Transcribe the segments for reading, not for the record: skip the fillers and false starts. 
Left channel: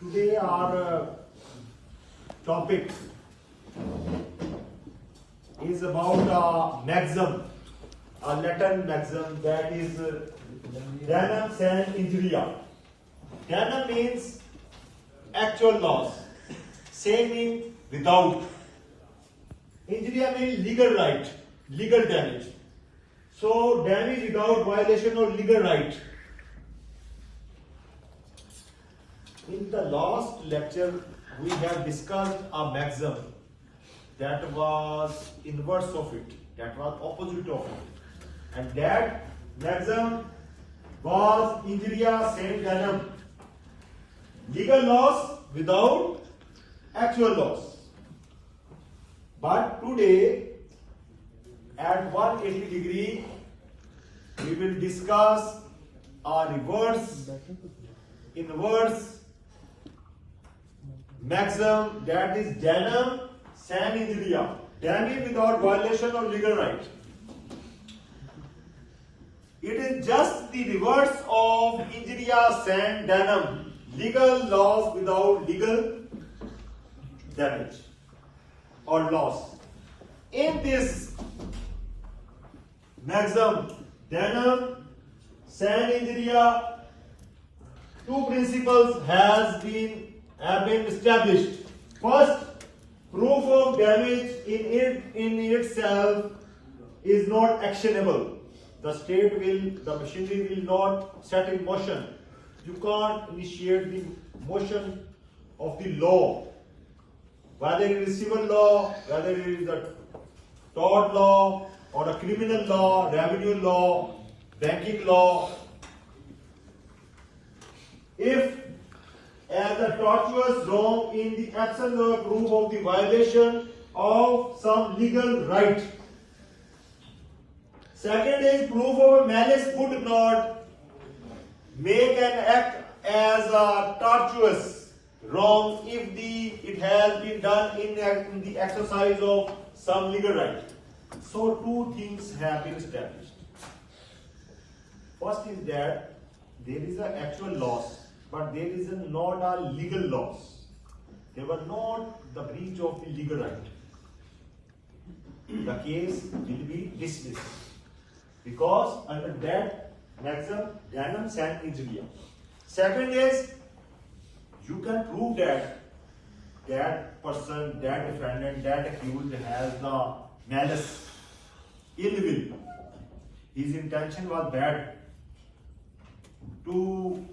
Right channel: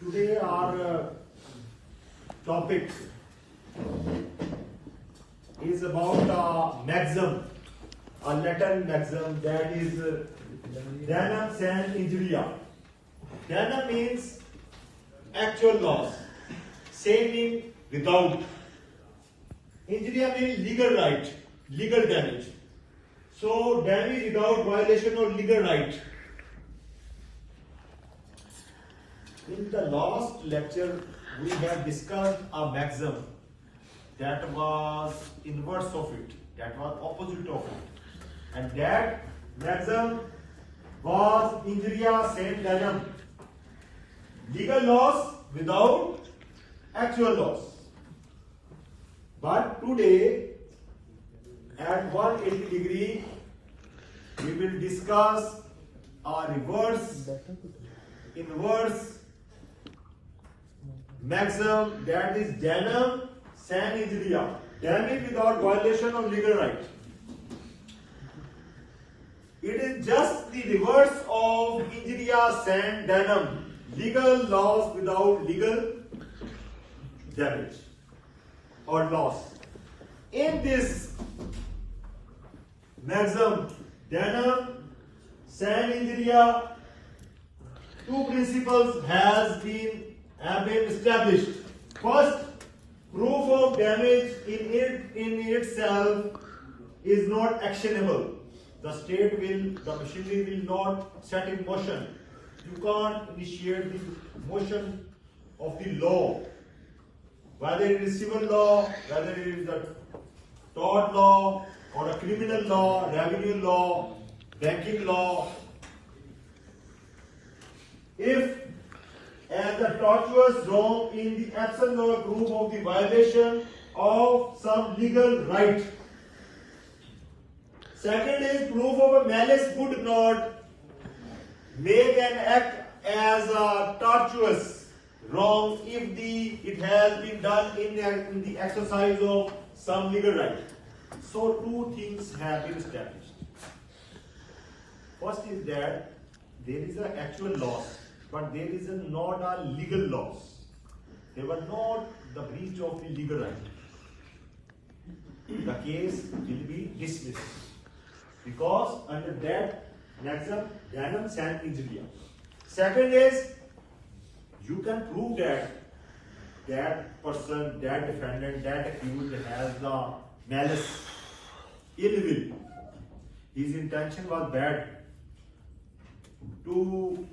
Today our topic is about a maxim, a Latin maxim that is Damnum Sine Injuria. Damnum means actual loss, sine means without. Injuria means legal right, legal damage. So damage without violation of legal right. In the last lecture, we have discussed a maxim that was inverse of it, that was opposite of it. And that maxim was injuria sine damnum, legal loss without actual loss. But today, at 180 degree, we will discuss a inverse maxim, that is Damnum Sine Injuria, damage without violation of legal right. It is just the reverse of injuria sine damnum, legal loss without legal damage or loss. In this maxim, Damnum Sine Injuria, two principles have been established. First, proof of damage in itself is not actionable. The machinery will not set in motion. You can't initiate the motion of the law, whether it is civil law, whether it is a tort law or a criminal law, revenue law, banking law. If as the tortuous wrong in the absence of a proof of the violation of some legal right. Second is proof of a malice could not make an act as a tortuous wrong if it has been done in the exercise of some legal right. So two things have been established. First is that there is an actual loss, but there is not a legal loss. They were not the breach of the legal right. The case will be dismissed because under that maxim, Damnum Sine Injuria. Second is, you can prove that that person, that defendant, that accused has the malice, ill will. His intention was bad to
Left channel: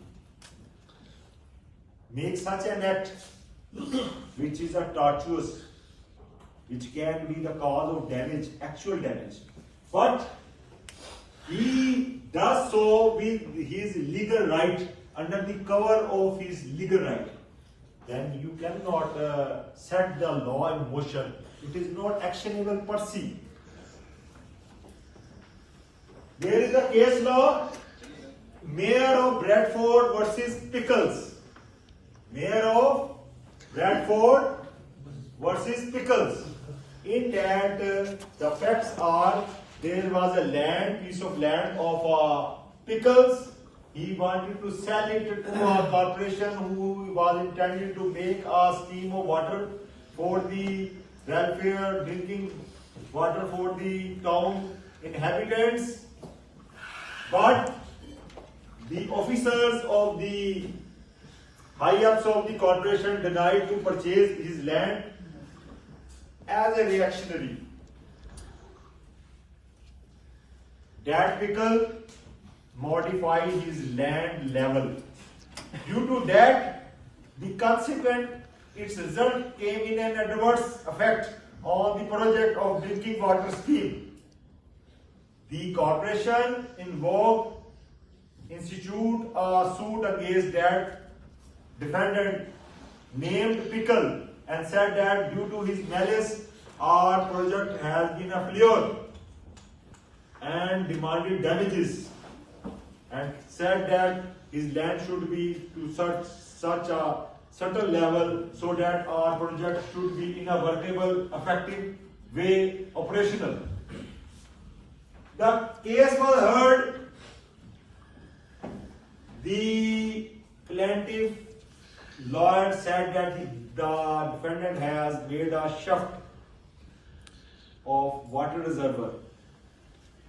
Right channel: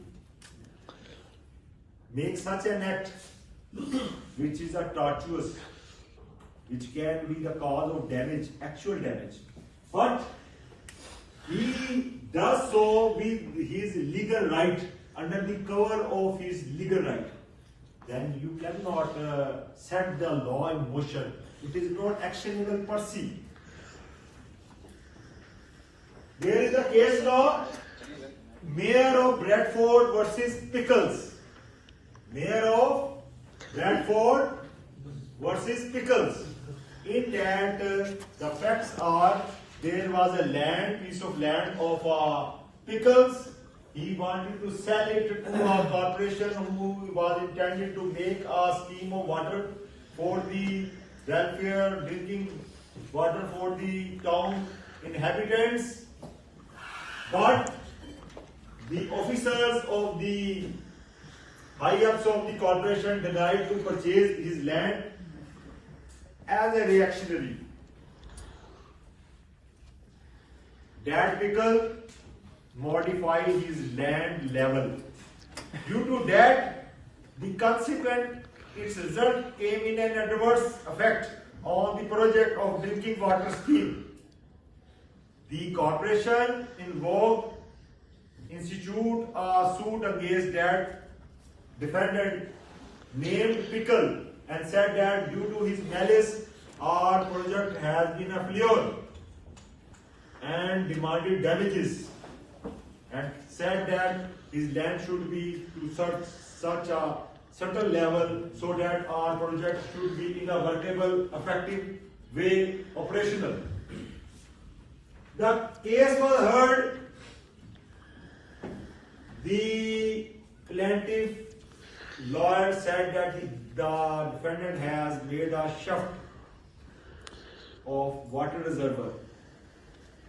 make such an act which is a tortuous, which can be the cause of damage, actual damage. But he does so with his legal right, under the cover of his legal right. Then you cannot set the law in motion. It is not actionable per se. There is a case law, Mayor of Bradford versus Pickles. Mayor of Bradford versus Pickles. In that, the facts are, there was a piece of land of Pickles. He wanted to sell it to a corporation who was intending to make a scheme of water for the welfare, drinking water for the town inhabitants. But the officers of the high-ups of the corporation denied to purchase his land as a reactionary. That Pickle modified his land level. Due to that, the consequent, its result came in an adverse effect on the project of drinking water scheme. The corporation involved institute a suit against that defendant named Pickle and said that due to his malice, our project has been a failure, and demanded damages, and said that his land should be to such a certain level so that our project should be in a workable, effective way operational. The case was heard. The plaintiff lawyer said that the defendant has made a shaft of water reservoir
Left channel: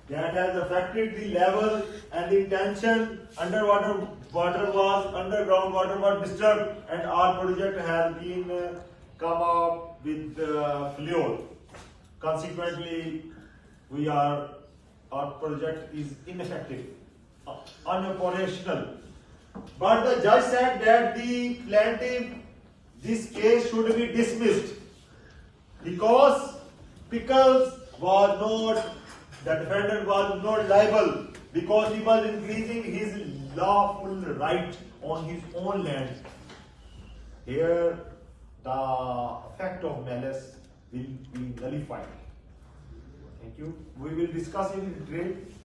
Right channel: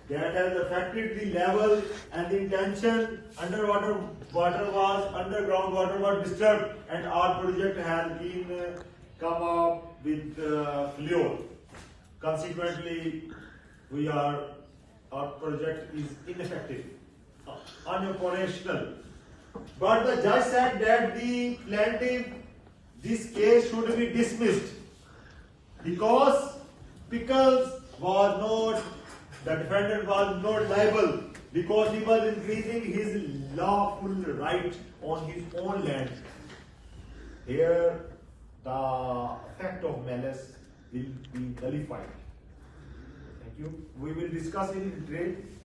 that has affected the level and the tension underground water was disturbed, and our project has been come up with failure. Consequently, our project is ineffective, unoperational. But the judge said that the plaintiff, this case should be dismissed because Pickles was not, the defendant was not liable because he was increasing his lawful right on his own land. Here, the effect of malice will be nullified. Thank you. We will discuss in detail.